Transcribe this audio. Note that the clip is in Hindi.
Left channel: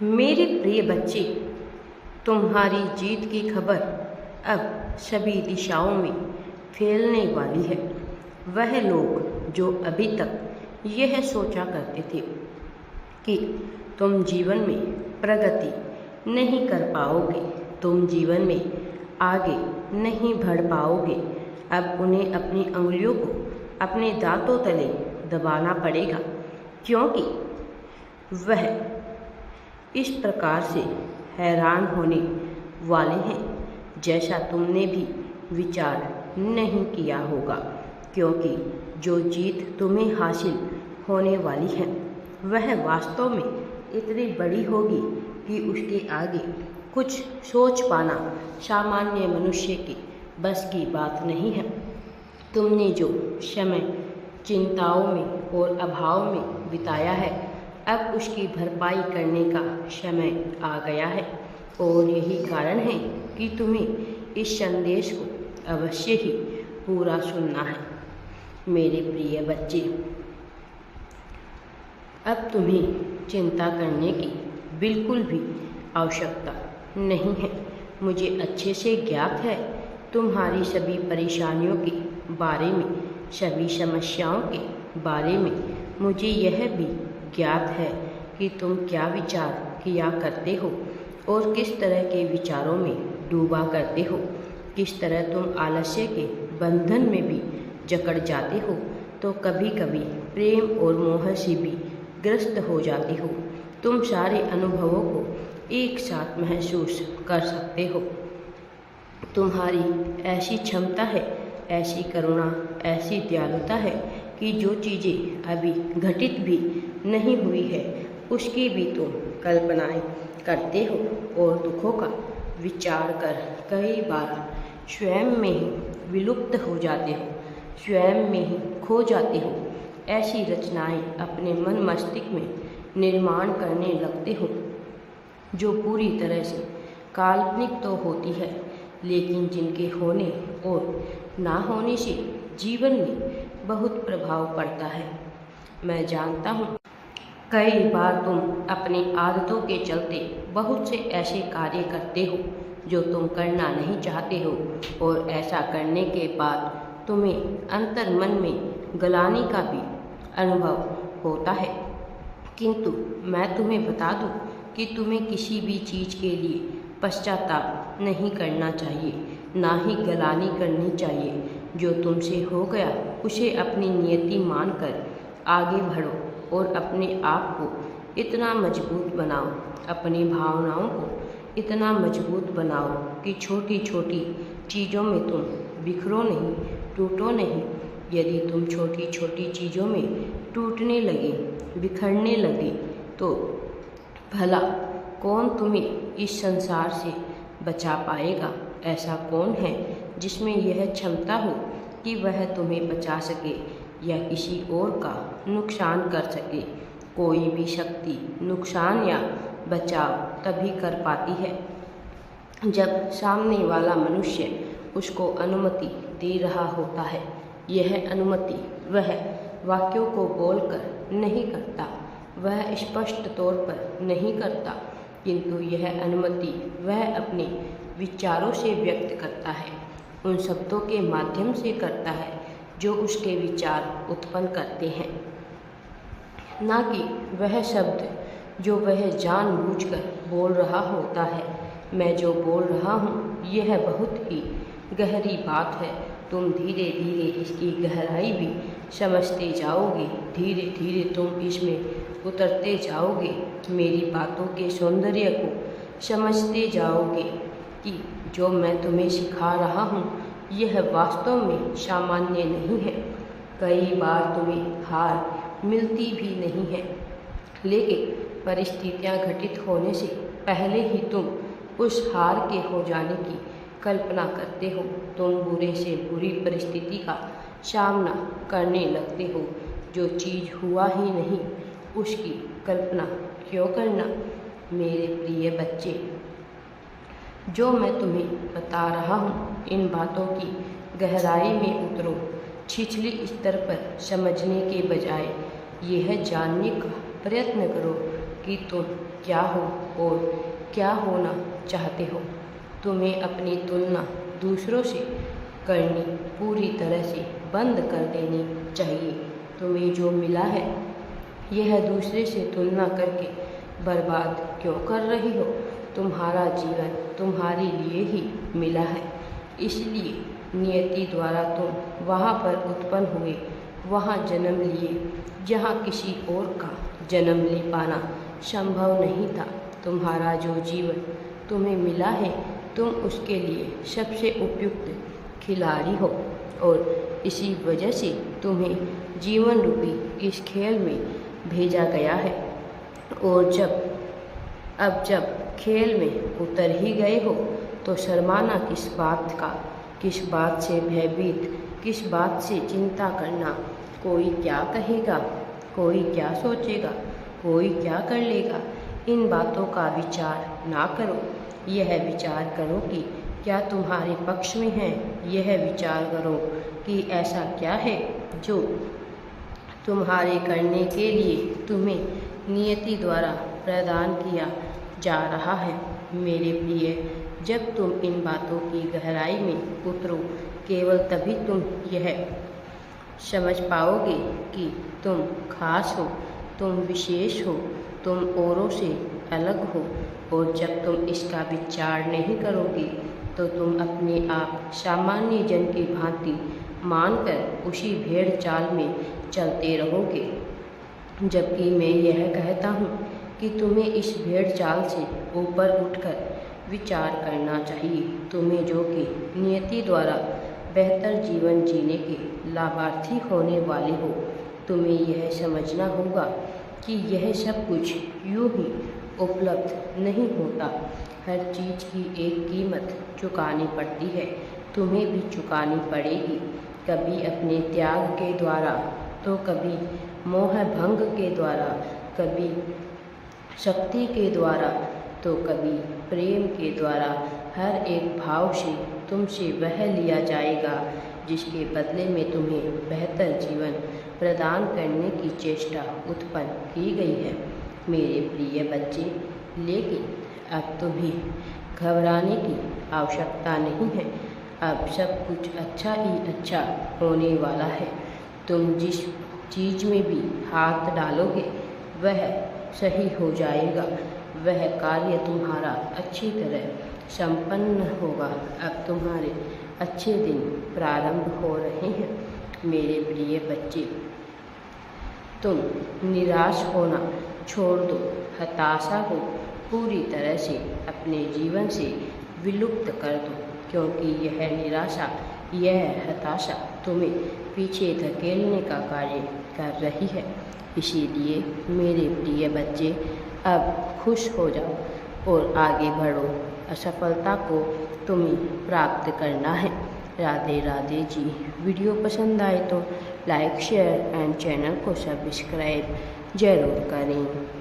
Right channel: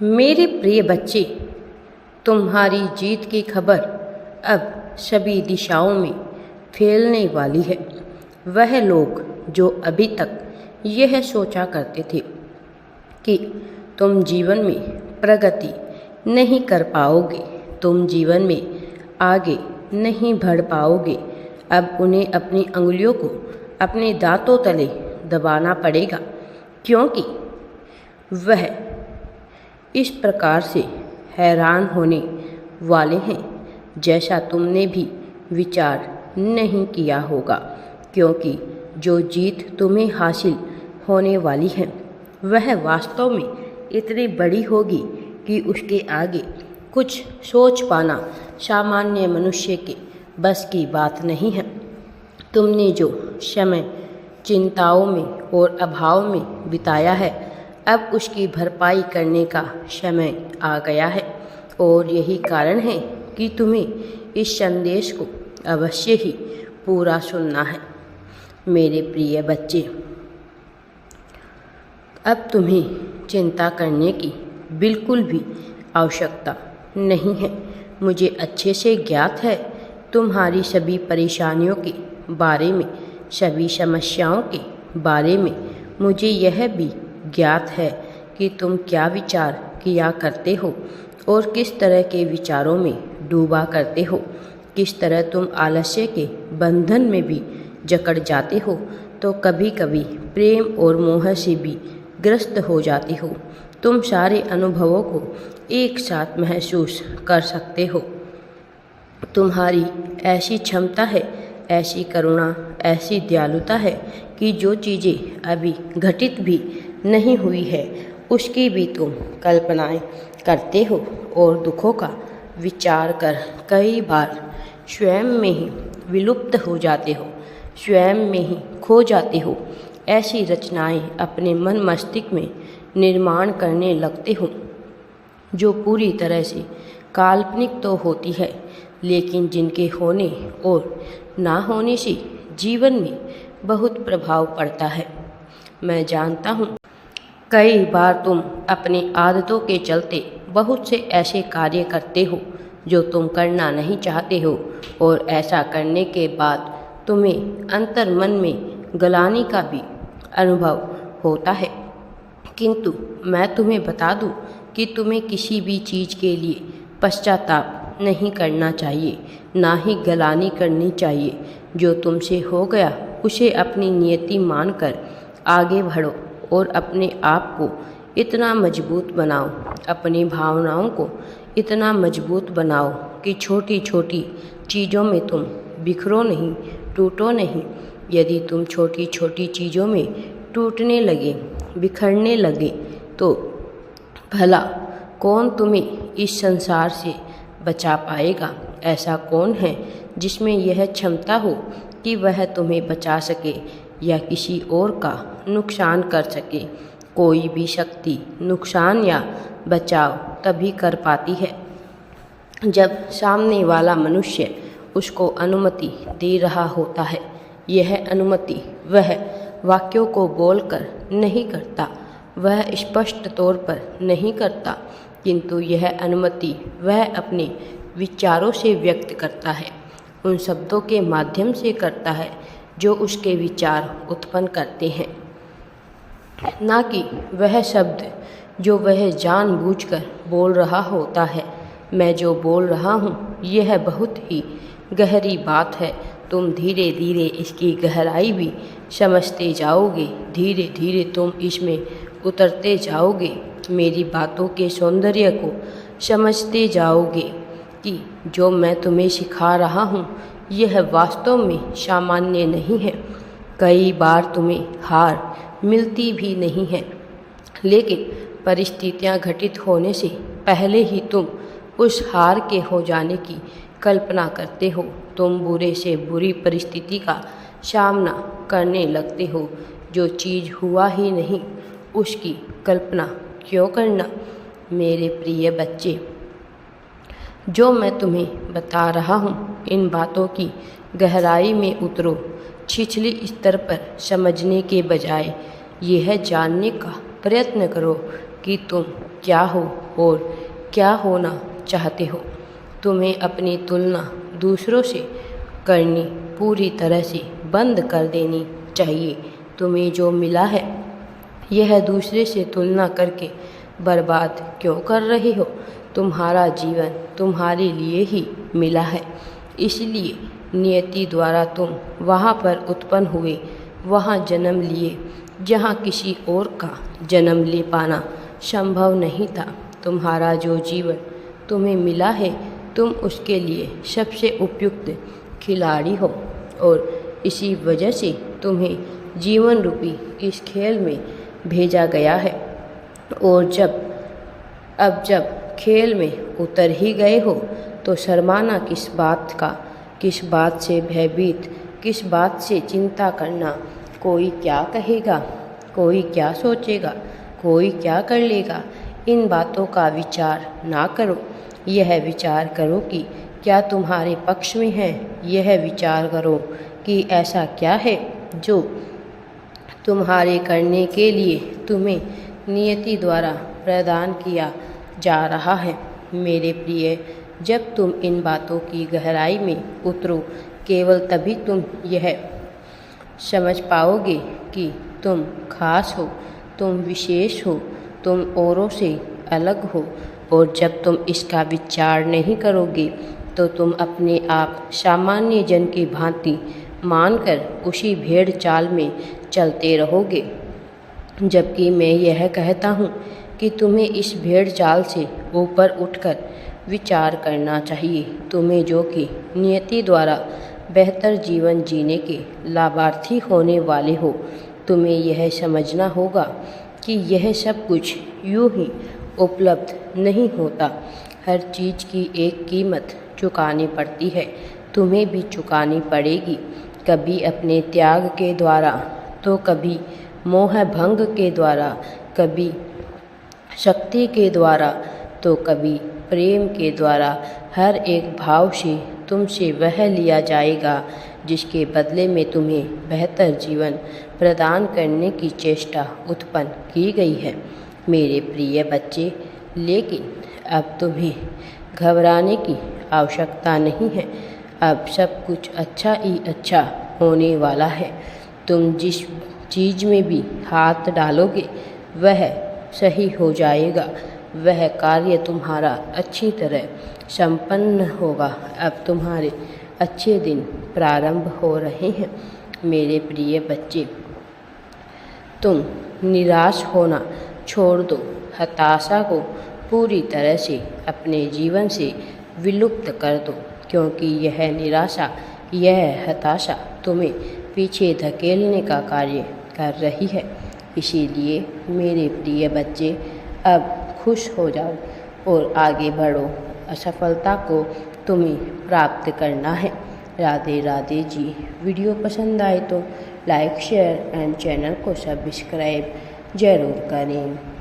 मेरे प्रिय बच्चे, तुम्हारी जीत की खबर अब सभी दिशाओं में फैलने वाली है। वह लोग जो अभी तक यह सोचा करते थे कि तुम जीवन में प्रगति नहीं कर पाओगे, तुम जीवन में आगे नहीं बढ़ पाओगे, अब उन्हें अपनी अंगुलियों को अपने दांतों तले दबाना पड़ेगा, क्योंकि वह इस प्रकार से हैरान होने वाले हैं जैसा तुमने भी विचार नहीं किया होगा। क्योंकि जो जीत तुम्हें हासिल होने वाली है वह वास्तव में इतनी बड़ी होगी कि उसके आगे कुछ सोच पाना सामान्य मनुष्य के बस की बात नहीं है। तुमने जो समय चिंताओं में और अभाव में बिताया है, अब उसकी भरपाई करने का समय आ गया है। और यही कारण है कि तुम्हें इस संदेश को अवश्य ही पूरा सुनना है। मेरे प्रिय बच्चे, अब तुम्हें चिंता करने की बिल्कुल भी आवश्यकता नहीं है। मुझे अच्छे से ज्ञात है तुम्हारी सभी परेशानियों के बारे में, सभी समस्याओं के बारे में। मुझे यह भी ज्ञात है कि तुम क्या विचार किया करते हो और किस तरह के विचारों में डूबा करते हो, किस तरह तुम आलस्य के बंधन में भी जकड़ जाते हो तो कभी कभी प्रेम और मोह से भी ग्रस्त हो जाते हो। तुम सारे अनुभवों को एक साथ महसूस कर सकते हो। तुम्हारी ऐसी क्षमता है, ऐसी करुणा, ऐसी दयालुता है कि जो चीज़ें अभी घटित भी नहीं हुई है उसकी भी तुम कल्पनाएं करते हो और दुखों का विचार कर कई बार स्वयं में ही विलुप्त हो जाते हो, स्वयं में ही खो जाते हो। ऐसी रचनाएं अपने मन मस्तिष्क में निर्माण करने लगते हो जो पूरी तरह से काल्पनिक तो होती है, लेकिन जिनके होने और ना होने से जीवन में बहुत प्रभाव पड़ता है। मैं जानता हूँ कई बार तुम अपनी आदतों के चलते बहुत से ऐसे कार्य करते हो जो तुम करना नहीं चाहते हो, और ऐसा करने के बाद तुम्हें अंतर मन में गलानी का भी अनुभव होता है। किंतु मैं तुम्हें बता दूं कि तुम्हें किसी भी चीज़ के लिए पश्चाताप नहीं करना चाहिए, ना ही गलानी करनी चाहिए। जो तुमसे हो गया उसे अपनी नियति मानकर आगे बढ़ो और अपने आप को इतना मजबूत बनाओ, अपनी भावनाओं को इतना मजबूत बनाओ कि छोटी छोटी चीज़ों में तुम बिखरो नहीं, टूटो नहीं। यदि तुम छोटी छोटी चीज़ों में टूटने लगे, बिखरने लगे, तो भला कौन तुम्हें इस संसार से बचा पाएगा? ऐसा कौन है जिसमें यह क्षमता हो कि वह तुम्हें बचा सके या किसी और का नुकसान कर सके? कोई भी शक्ति नुकसान या बचाव तभी कर पाती है जब सामने वाला मनुष्य उसको अनुमति दे रहा होता है। यह अनुमति वह वाक्यों को बोलकर नहीं करता, वह स्पष्ट तौर पर नहीं करता, किंतु यह अनुमति वह अपने विचारों से व्यक्त करता है, उन शब्दों के माध्यम से करता है जो उसके विचार उत्पन्न करते हैं, ना कि वह शब्द जो वह जानबूझकर बोल रहा होता है। मैं जो बोल रहा हूँ यह बहुत ही गहरी बात है। तुम धीरे धीरे इसकी गहराई भी समझते जाओगे, धीरे धीरे तुम इसमें उतरते जाओगे, मेरी बातों के सौंदर्य को समझते जाओगे कि जो मैं तुम्हें सिखा रहा हूँ यह वास्तव में सामान्य नहीं है। कई बार तुम्हें हार मिलती भी नहीं है, लेकिन परिस्थितियाँ घटित होने से पहले ही तुम उस हार के हो जाने की कल्पना करते हो। तुम बुरे से बुरी परिस्थिति का सामना करने लगते हो। जो चीज़ हुआ ही नहीं उसकी कल्पना क्यों करना? मेरे प्रिय बच्चे, जो मैं तुम्हें बता रहा हूँ इन बातों की गहराई में उतरो। छिछली स्तर पर समझने के बजाय यह जानने का प्रयत्न करो कि तुम क्या हो और क्या होना चाहते हो। तुम्हें अपनी तुलना दूसरों से करनी पूरी तरह से बंद कर देनी चाहिए। तुम्हें जो मिला है यह दूसरे से तुलना करके बर्बाद क्यों कर रहे हो। तुम्हारा जीवन तुम्हारे लिए ही मिला है, इसलिए नियति द्वारा तुम वहाँ पर उत्पन्न हुए, वहाँ जन्म लिए जहाँ किसी और का जन्म ले पाना संभव नहीं था। तुम्हारा जो जीवन तुम्हें मिला है, तुम उसके लिए सबसे उपयुक्त खिलाड़ी हो और इसी वजह से तुम्हें जीवन रूपी इस खेल में भेजा गया है। और जब खेल में उतर ही गए हो तो शर्माना किस बात का, किस बात से भयभीत, किस बात से चिंता करना। कोई क्या कहेगा, कोई क्या सोचेगा, कोई क्या कर लेगा, इन बातों का विचार ना करो। यह विचार करो कि क्या तुम्हारे पक्ष में है। यह विचार करो कि ऐसा क्या है जो तुम्हारे करने के लिए तुम्हें नियति द्वारा प्रदान किया जा रहा है। मेरे प्रिय, जब तुम इन बातों की गहराई में उतरो, केवल तभी तुम यह समझ पाओगे कि तुम खास हो, तुम विशेष हो, तुम औरों से अलग हो। और जब तुम इसका विचार नहीं करोगे तो तुम अपने आप सामान्य जन की भांति मानकर उसी भेड़ चाल में चलते रहोगे। जबकि मैं यह कहता हूँ कि तुम्हें इस भेड़ चाल से ऊपर उठकर विचार करना चाहिए। तुम्हें जो कि नियति द्वारा बेहतर जीवन जीने के लाभार्थी होने वाले हो, तुम्हें यह समझना होगा कि यह सब कुछ यूं ही उपलब्ध नहीं होता। हर चीज़ की एक कीमत चुकानी पड़ती है, तुम्हें भी चुकानी पड़ेगी। कभी अपने त्याग के द्वारा, तो कभी मोह भंग के द्वारा, कभी शक्ति के द्वारा, तो कभी प्रेम के द्वारा। हर एक भाव से तुमसे वह लिया जाएगा जिसके बदले में तुम्हें बेहतर जीवन प्रदान करने की चेष्टा उत्पन्न की गई है। मेरे प्रिय बच्चे, लेकिन अब तुम्हें घबराने की आवश्यकता नहीं है। अब सब कुछ अच्छा ही अच्छा होने वाला है। तुम जिस चीज़ में भी हाथ डालोगे वह सही हो जाएगा। वह कार्य तुम्हारा अच्छी तरह संपन्न होगा। अब तुम्हारे अच्छे दिन प्रारंभ हो रहे हैं। मेरे प्रिय बच्चे, तुम निराश होना छोड़ दो। हताशा को पूरी तरह से अपने जीवन से विलुप्त कर दो, क्योंकि यह निराशा, यह हताशा तुम्हें पीछे धकेलने का कार्य कर रही है। इसीलिए मेरे प्रिय बच्चे, अब खुश हो जाओ और आगे बढ़ो। असफलता को तुम्हें प्राप्त करना है। राधे राधे जी। वीडियो पसंद आए तो लाइक, शेयर एंड चैनल को सब्सक्राइब ज़रूर करें।